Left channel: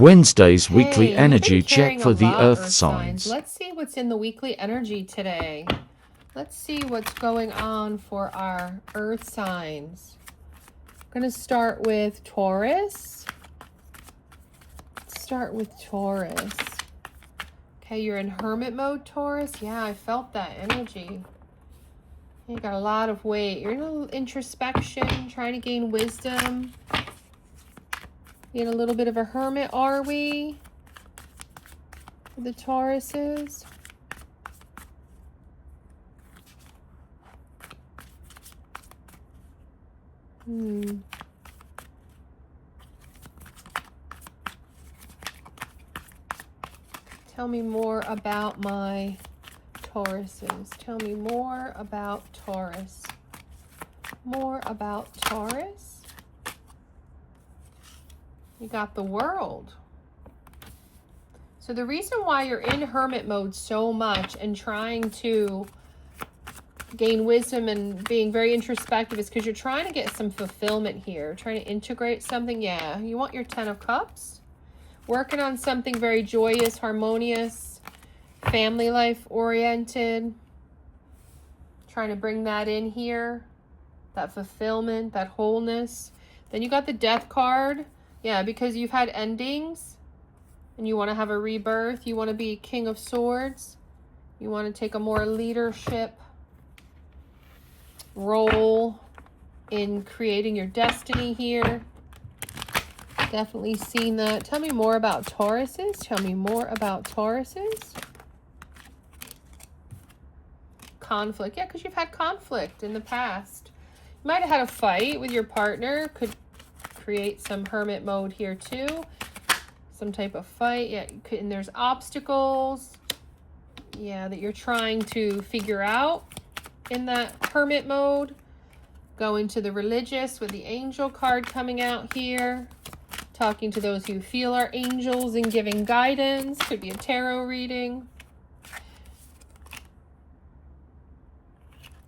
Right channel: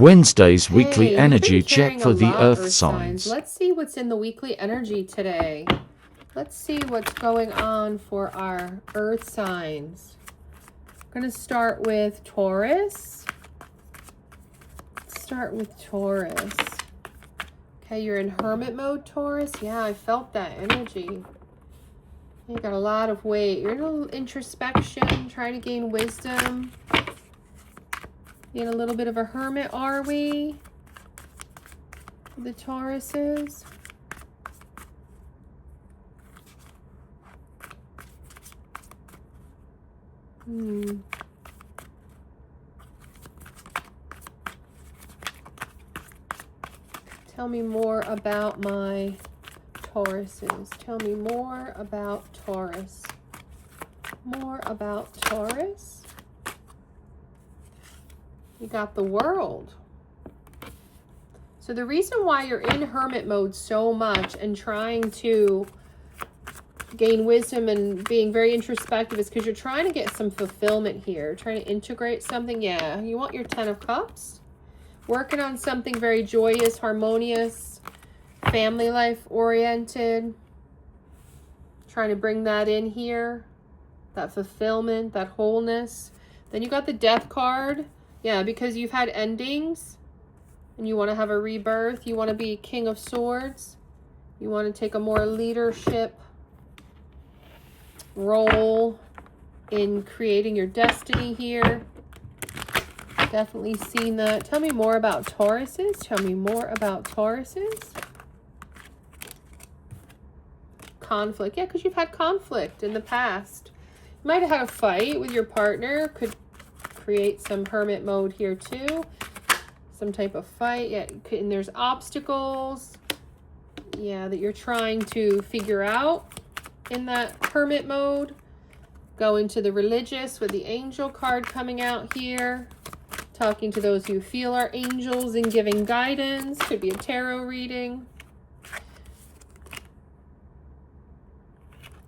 Wednesday's Hey, weekly you've energy been check carrying a for the lot, Earth Earth signs. Let's see what's in the weekly energy today. Let's see what's going on for our Earth signs. I'm going to start with Taurus. Let's start with Taurus. Okay, you're in hermit mode, Taurus. Yeah, I felt that energy. You got a lot of weight. You're in a little introspection, trying to gain wisdom. In a little bit of a hermit, are we? The Tauruses. Tell me more about my Tauruses. Tell me more about Taurus. More about Taurus. You got the World. So the reason why you're in hermit mode so much and trying to gain wisdom and being very introspective is because you're trying to get some fulfillment here. Trying to integrate something. Yeah, you want your 10 of Cups. Working on something very joyous, harmonious, family life oriented. Trying to bring that in here. That fulfillment, that wholeness. Then you got the Death card. Yeah, because you've had endings and you want to have a rebirth. You want to be King of Swords. You want to take a more leadership role in creating your destiny here. Definitely seen that. Tell me more about Tauruses. Tell me more about Tauruses. Conflict. Yeah, because you've had conflict in the past. You might have had a fight with your partner. Could create some hermit mode here too. Some type of fight. Yeah, and there's obstacles. Yeah, that you're trying to figure out in that hermit mode. Going to the religious with the angel card coming out here. Talking to those you feel are angels and giving guidance. Could be a tarot reading.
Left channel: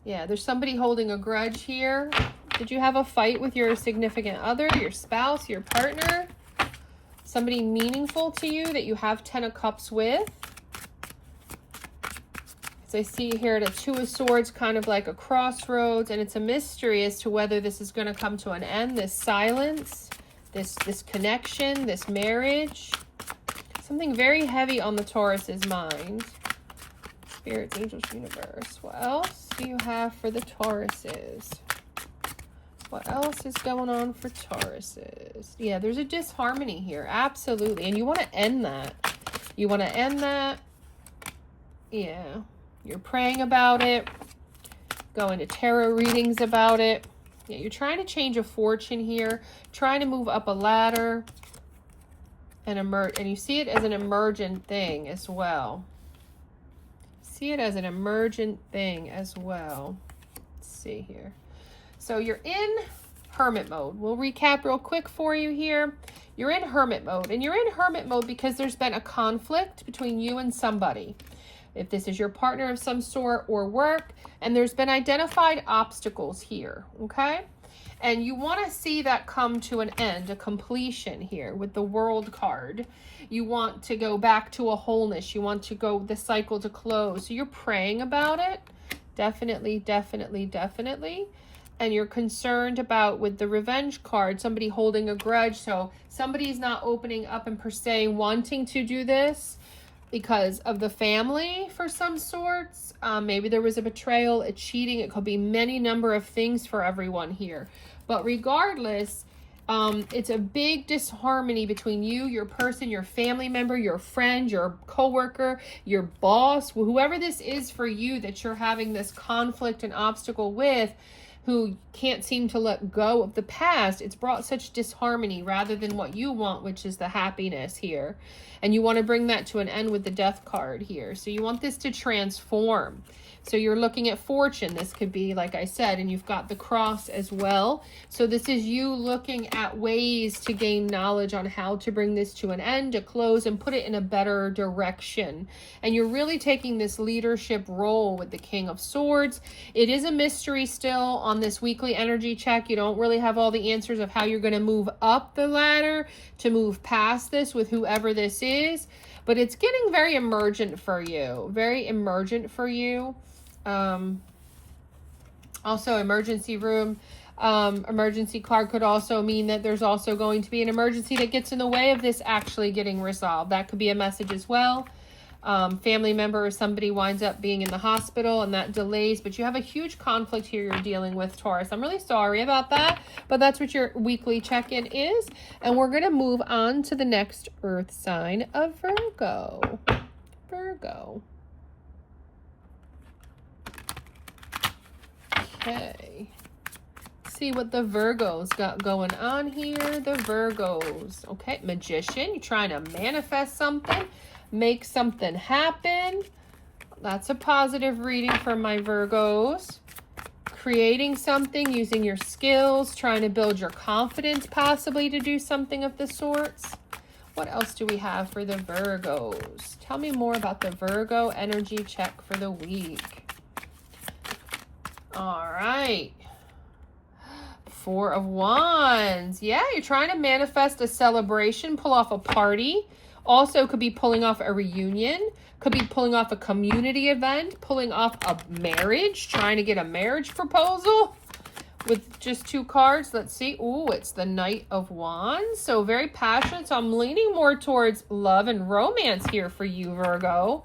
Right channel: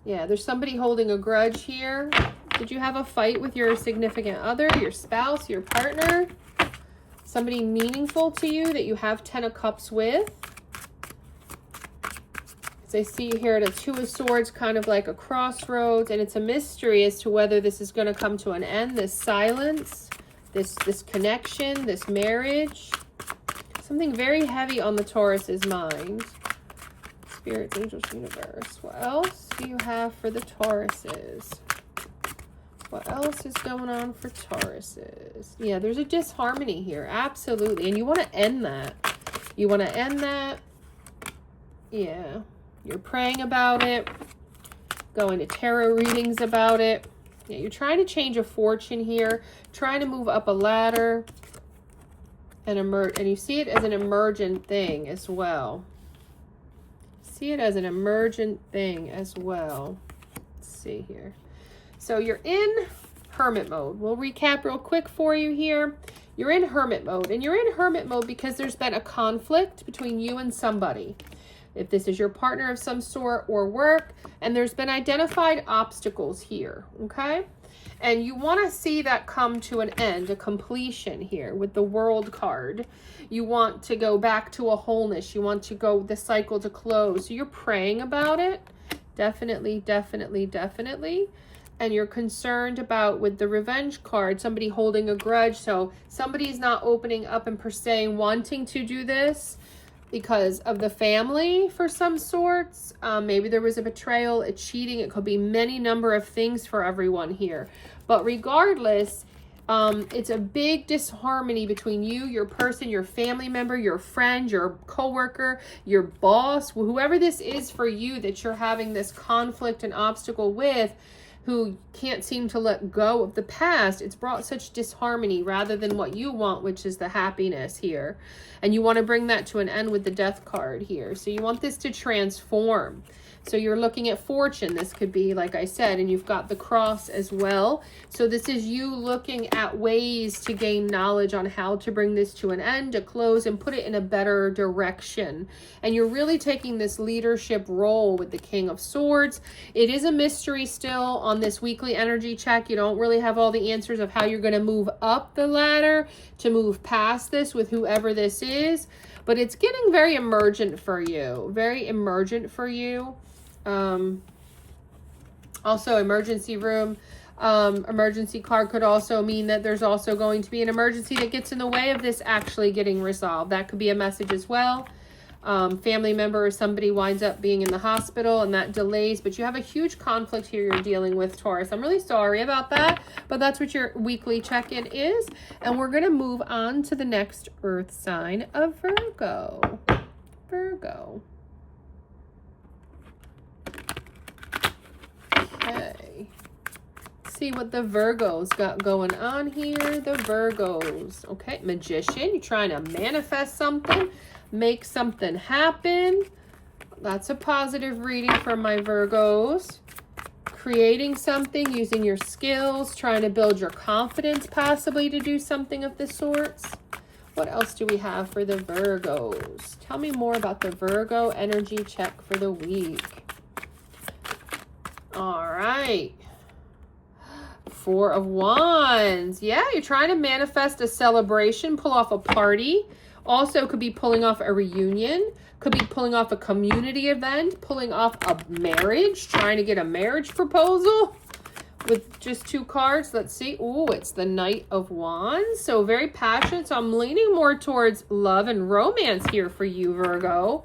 Yeah, there's somebody holding a grudge here. Did you have a fight with your significant other, your spouse, your partner? Somebody meaningful to you that you have 10 of Cups with? As I see here at a 2 of Swords, kind of like a crossroads, and it's a mystery as to whether this is going to come to an end, this silence, this connection, this marriage. Something very heavy on the Taurus's mind. Spirits, angels, universe. What else do you have for the Tauruses? What else is going on for Tauruses? Yeah, there's a disharmony here. Absolutely. And you want to end that. You want to end that. Yeah. You're praying about it. Going to tarot readings about it. Yeah, you're trying to change a fortune here. Trying to move up a ladder. And you see it as an emergent thing as well. See it as an emergent thing as well. Let's see here. So you're in hermit mode. We'll recap real quick for you here. You're in hermit mode, and you're in hermit mode because there's been a conflict between you and somebody. If this is your partner of some sort or work, and there's been identified obstacles here, okay? And you want to see that come to an end, a completion here with the World card. You want to go back to a wholeness. You want to go the cycle to close. So you're praying about it. Definitely, definitely, definitely. And you're concerned about, with the Revenge card, somebody holding a grudge. So somebody's not opening up and per se wanting to do this because of the family for some sorts. Maybe there was a betrayal, a cheating. It could be many number of things for everyone here. But regardless, it's a big disharmony between you, your person, your family member, your friend, your coworker, your boss, whoever this is for you that you're having this conflict and obstacle with, who can't seem to let go of the past. It's brought such disharmony rather than what you want, which is the happiness here. And you want to bring that to an end with the Death card here. So you want this to transform. So you're looking at fortune. This could be, like I said, and you've got the cross as well. So this is you looking at ways to gain knowledge on how to bring this to an end, to close, and put it in a better direction. And you're really taking this leadership role with the King of Swords. It is a mystery still on this weekly energy check. You don't really have all the answers of how you're going to move up the ladder to move past this with whoever this is. But it's getting very emergent for you. Very emergent for you. Also, emergency room. Emergency card could also mean that there's also going to be an emergency that gets in the way of this actually getting resolved. That could be a message as well. Family member or somebody winds up being in the hospital and that delays, but you have a huge conflict here you're dealing with, Taurus. I'm really sorry about that, but that's what your weekly check-in is. And we're going to move on to the next earth sign of Virgo. Virgo. Okay. See what the Virgos got going on here. The Virgos. Okay, Magician. You're trying to manifest something. Make something happen. That's a positive reading for my Virgos. Creating something, using your skills, trying to build your confidence possibly to do something of the sorts. What else do we have for the Virgos? Tell me more about the Virgo energy check for the week. All right. Four of Wands. Yeah, you're trying to manifest a celebration, pull off a party. Also could be pulling off a reunion, could be pulling off a community event, pulling off a marriage, trying to get a marriage proposal with just two cards. Let's see. Ooh, it's the Knight of Wands. So very passionate. So I'm leaning more towards love and romance here for you, Virgo.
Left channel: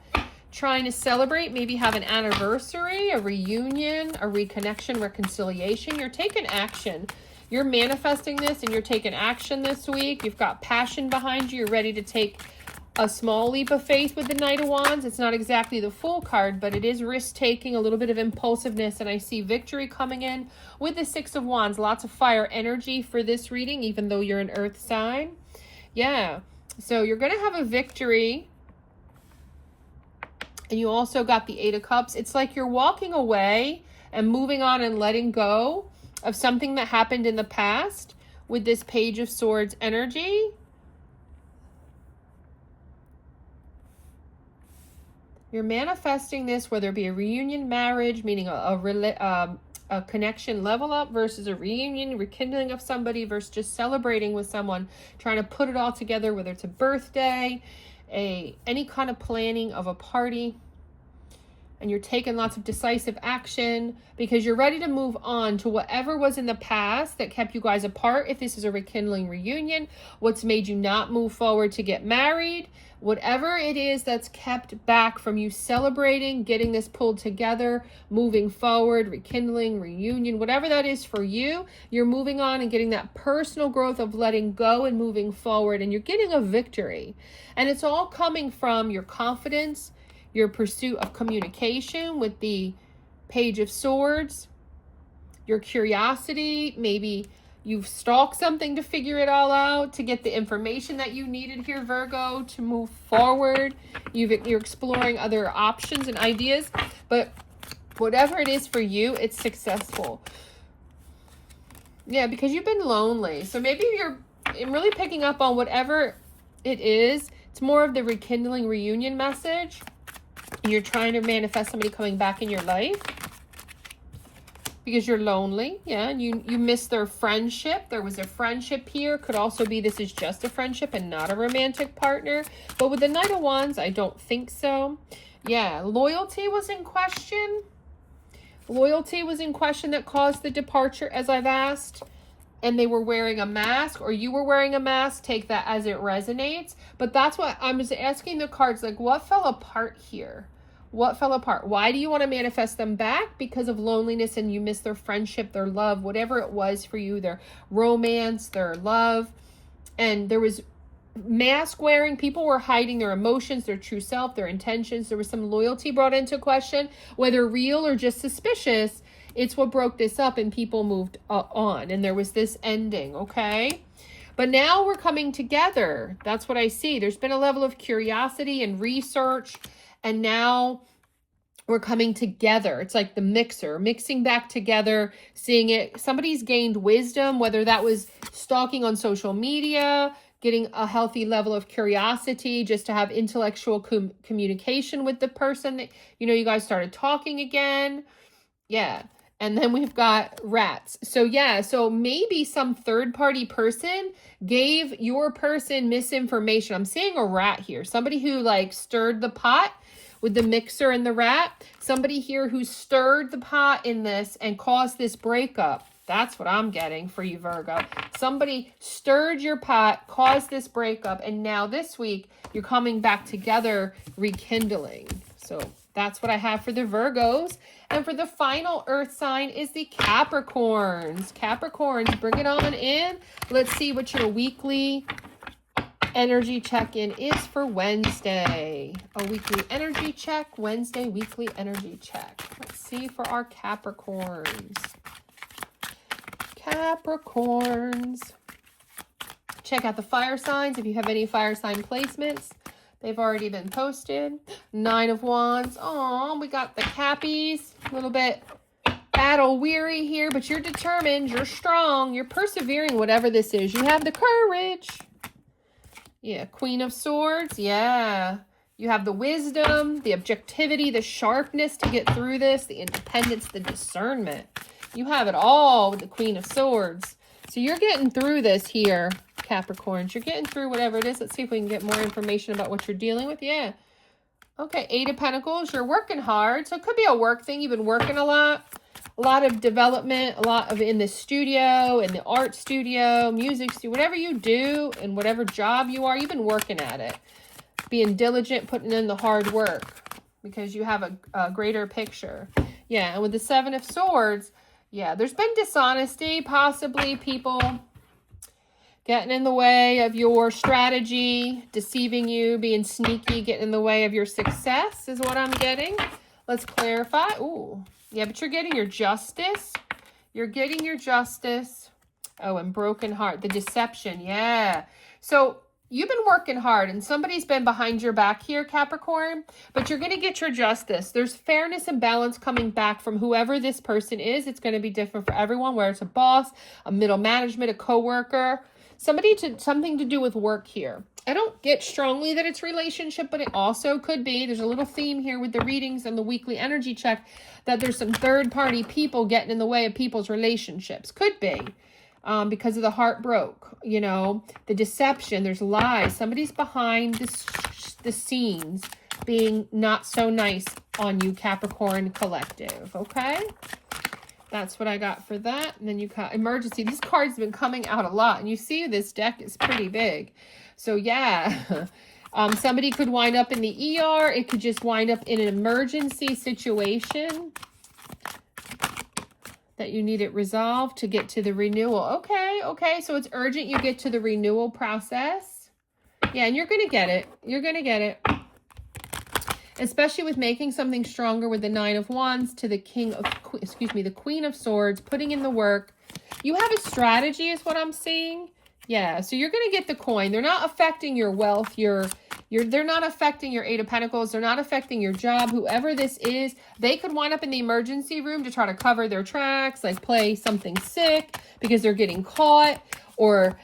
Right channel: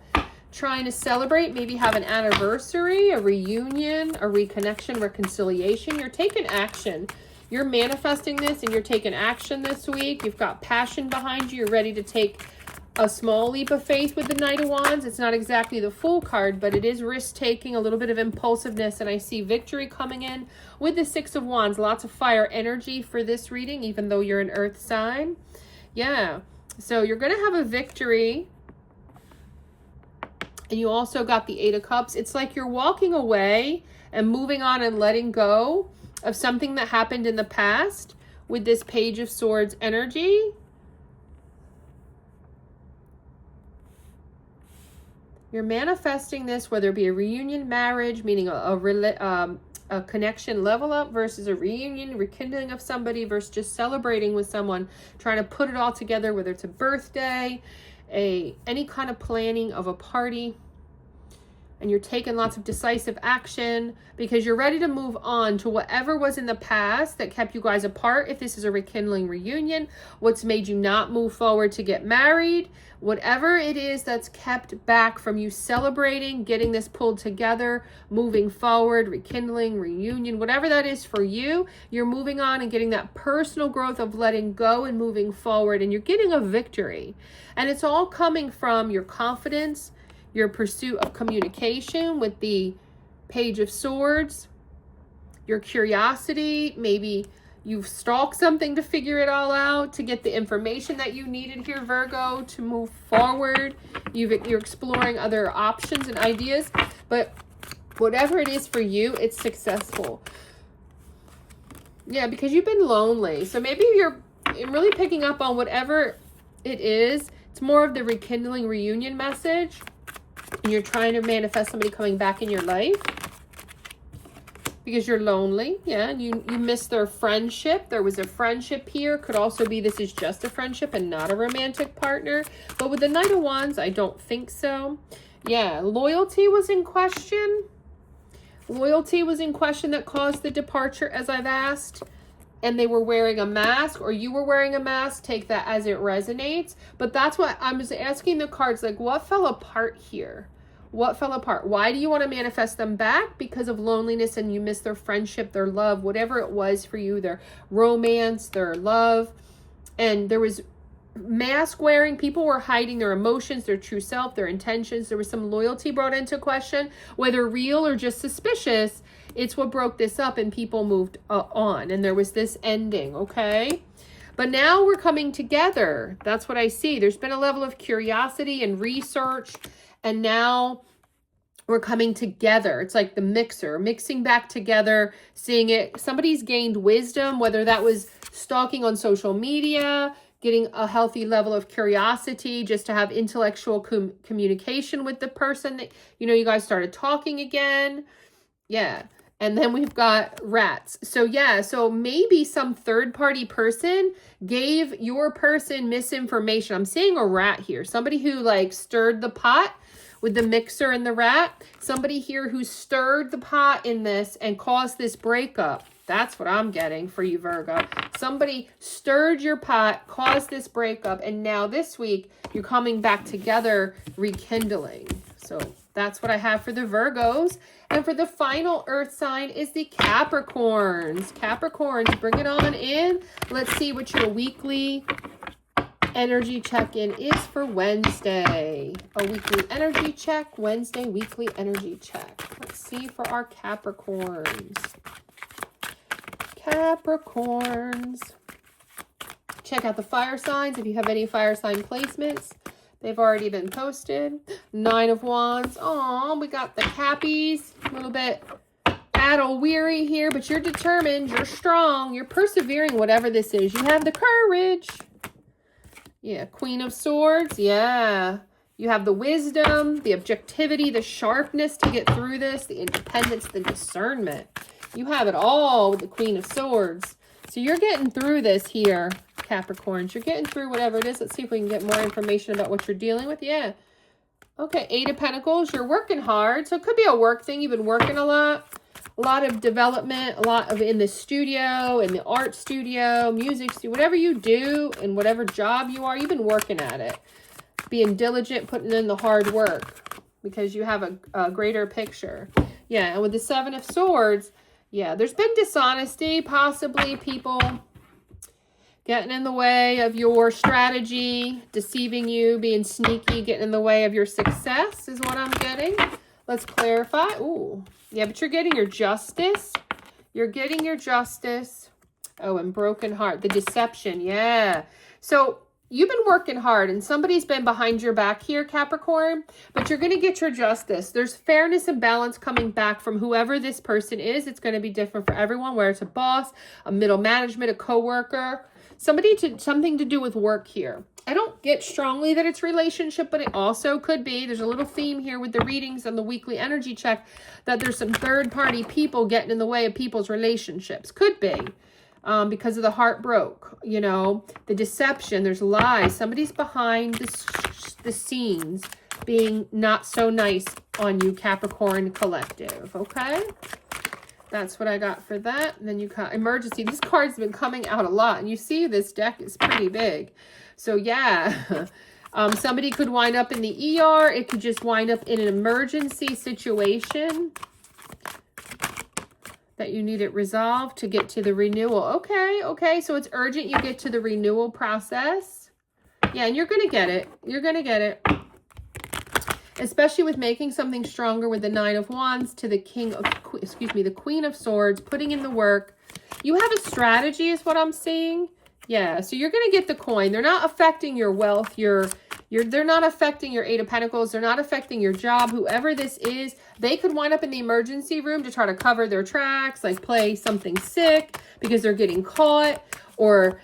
Trying to celebrate, maybe have an anniversary, a reunion, a reconnection, reconciliation. You're taking action. You're manifesting this and you're taking action this week. You've got passion behind you. You're ready to take a small leap of faith with the Knight of Wands. It's not exactly the Fool card, but it is risk-taking, a little bit of impulsiveness, and I see victory coming in with the Six of Wands. Lots of fire energy for this reading, even though you're an earth sign. Yeah, so you're going to have a victory. And you also got the Eight of Cups. It's like you're walking away and moving on and letting go of something that happened in the past with this Page of Swords energy. You're manifesting this, whether it be a reunion, marriage, meaning a connection level up versus a reunion, rekindling of somebody versus just celebrating with someone, trying to put it all together, whether it's a birthday, any kind of planning of a party. And you're taking lots of decisive action because you're ready to move on to whatever was in the past that kept you guys apart. If this is a rekindling reunion, what's made you not move forward to get married, whatever it is that's kept back from you celebrating, getting this pulled together, moving forward, rekindling, reunion, whatever that is for you, you're moving on and getting that personal growth of letting go and moving forward, and you're getting a victory. And it's all coming from your confidence, your pursuit of communication with the Page of Swords, your curiosity. Maybe you've stalked something to figure it all out, to get the information that you needed here, Virgo, to move forward. You're exploring other options and ideas, but whatever it is for you, it's successful. Yeah, because you've been lonely. So maybe you're really picking up on whatever it is. It's more of the rekindling reunion message. You're trying to manifest somebody coming back in your life because you're lonely. Yeah, and you miss their friendship. There was a friendship here. Could also be this is just a friendship and not a romantic partner. But with the Knight of Wands, I don't think so. Yeah, loyalty was in question. Loyalty was in question that caused the departure, as I've asked. And they were wearing a mask, or you were wearing a mask. Take that as it resonates. But that's what I was asking the cards, like, what fell apart here? What fell apart? Why do you want to manifest them back? Because of loneliness, and you miss their friendship, their love, whatever it was for you, their romance, their love. And there was mask wearing. People were hiding their emotions, their true self, their intentions. There was some loyalty brought into question, whether real or just suspicious. It's what broke this up, and people moved on, and there was this ending, okay? But now we're coming together. That's what I see. There's been a level of curiosity and research, and now we're coming together. It's like the mixer, mixing back together, seeing it. Somebody's gained wisdom, whether that was stalking on social media, getting a healthy level of curiosity, just to have intellectual communication with the person that, you guys started talking again. Yeah. And then we've got rats. So yeah, so maybe some third-party person gave your person misinformation. I'm seeing a rat here. Somebody who like stirred the pot with the mixer and the rat. Somebody here who stirred the pot in this and caused this breakup. That's what I'm getting for you, Virgo. Somebody stirred your pot, caused this breakup, and now this week you're coming back together, rekindling. So that's what I have for the Virgos. And for the final earth sign is the Capricorns. Capricorns, bring it on in. Let's see what your weekly energy check-in is for Wednesday. A weekly energy check. Wednesday, weekly energy check. Let's see for our Capricorns. Capricorns. Check out the fire signs if you have any fire sign placements. They've already been posted. 9 of Wands. Oh, we got the Cappies. A little bit battle weary here, but you're determined. You're strong. You're persevering, whatever this is. You have the courage. Yeah, Queen of Swords. Yeah. You have the wisdom, the objectivity, the sharpness to get through this, the independence, the discernment. You have it all with the Queen of Swords. So you're getting through this here, Capricorns. You're getting through whatever it is. Let's see if we can get more information about what you're dealing with. Yeah. Okay, 8 of Pentacles. You're working hard. So it could be a work thing. You've been working a lot of development, a lot of in the studio, in the art studio, music studio, whatever you do and whatever job you are, you've been working at it. Being diligent, putting in the hard work because you have a greater picture. Yeah, and with the 7 of Swords, yeah, there's been dishonesty, possibly people getting in the way of your strategy, deceiving you, being sneaky, getting in the way of your success is what I'm getting. Let's clarify. Ooh, yeah, but you're getting your justice. You're getting your justice. Oh, and broken heart, the deception, yeah. So you've been working hard and somebody's been behind your back here, Capricorn, but you're going to get your justice. There's fairness and balance coming back from whoever this person is. It's going to be different for everyone, whether it's a boss, a middle management, a coworker, something to do with work here. I don't get strongly that it's relationship, but it also could be. There's a little theme here with the readings and the weekly energy check that there's some third-party people getting in the way of people's relationships. Could be. Because of the heart broke, you know, the deception, there's lies. Somebody's behind the scenes being not so nice on you, Capricorn collective, okay? That's what I got for that. And then you got emergency. This card's been coming out a lot, and you see this deck is pretty big. So, yeah, somebody could wind up in the ER. It could just wind up in an emergency situation that you need it resolved to get to the renewal. Okay, so it's urgent you get to the renewal process. Yeah, and you're going to get it. You're going to get it. Especially with making something stronger with the 9 of Wands to the the Queen of Swords, putting in the work. You have a strategy is what I'm seeing. Yeah, so you're going to get the coin. They're not affecting your wealth, they're not affecting your 8 of Pentacles. They're not affecting your job. Whoever this is, they could wind up in the emergency room to try to cover their tracks, like play something sick because they're getting caught, or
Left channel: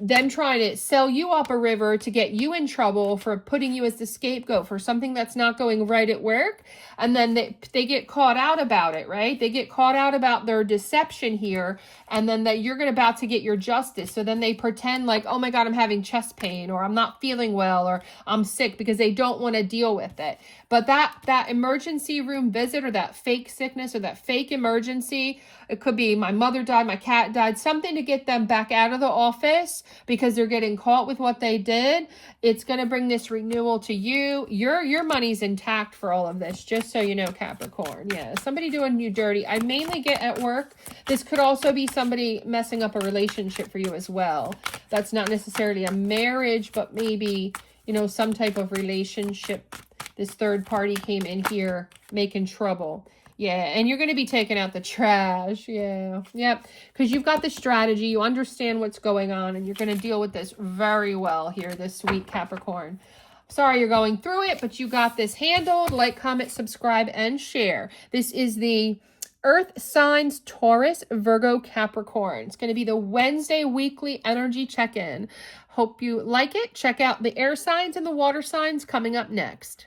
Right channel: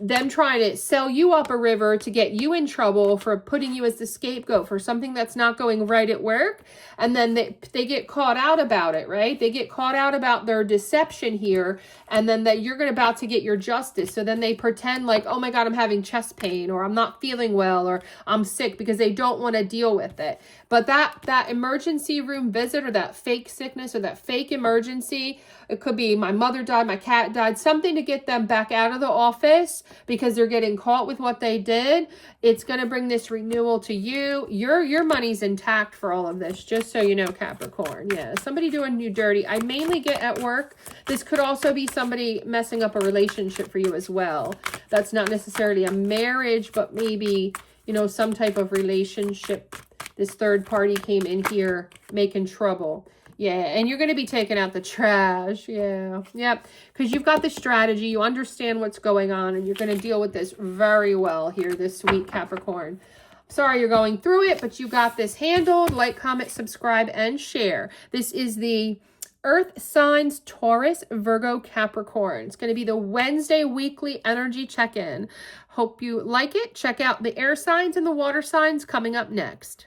them trying to sell you up a river to get you in trouble for putting you as the scapegoat for something that's not going right at work. And then they get caught out about it, right? They get caught out about their deception here, and then that you're about to get your justice. So then they pretend like, oh my God, I'm having chest pain, or I'm not feeling well, or I'm sick, because they don't want to deal with it. But that emergency room visit, or that fake sickness, or that fake emergency, it could be my mother died, my cat died, something to get them back out of the office because they're getting caught with what they did. It's going to bring this renewal to you. Your money's intact for all of this, just so you know, Capricorn. Yeah, somebody doing you dirty. I mainly get at work. This could also be somebody messing up a relationship for you as well. That's not necessarily a marriage, but maybe, you know, some type of relationship. This third party came in here making trouble. Yeah, and you're going to be taking out the trash. Yeah, yep. Because you've got the strategy. You understand what's going on, and you're going to deal with this very well here this week, Capricorn. Sorry you're going through it, but you got this handled. Like, comment, subscribe, and share. This is the Earth signs Taurus, Virgo, Capricorn. It's going to be the Wednesday weekly energy check-in. Hope you like it. Check out the air signs and the water signs coming up next.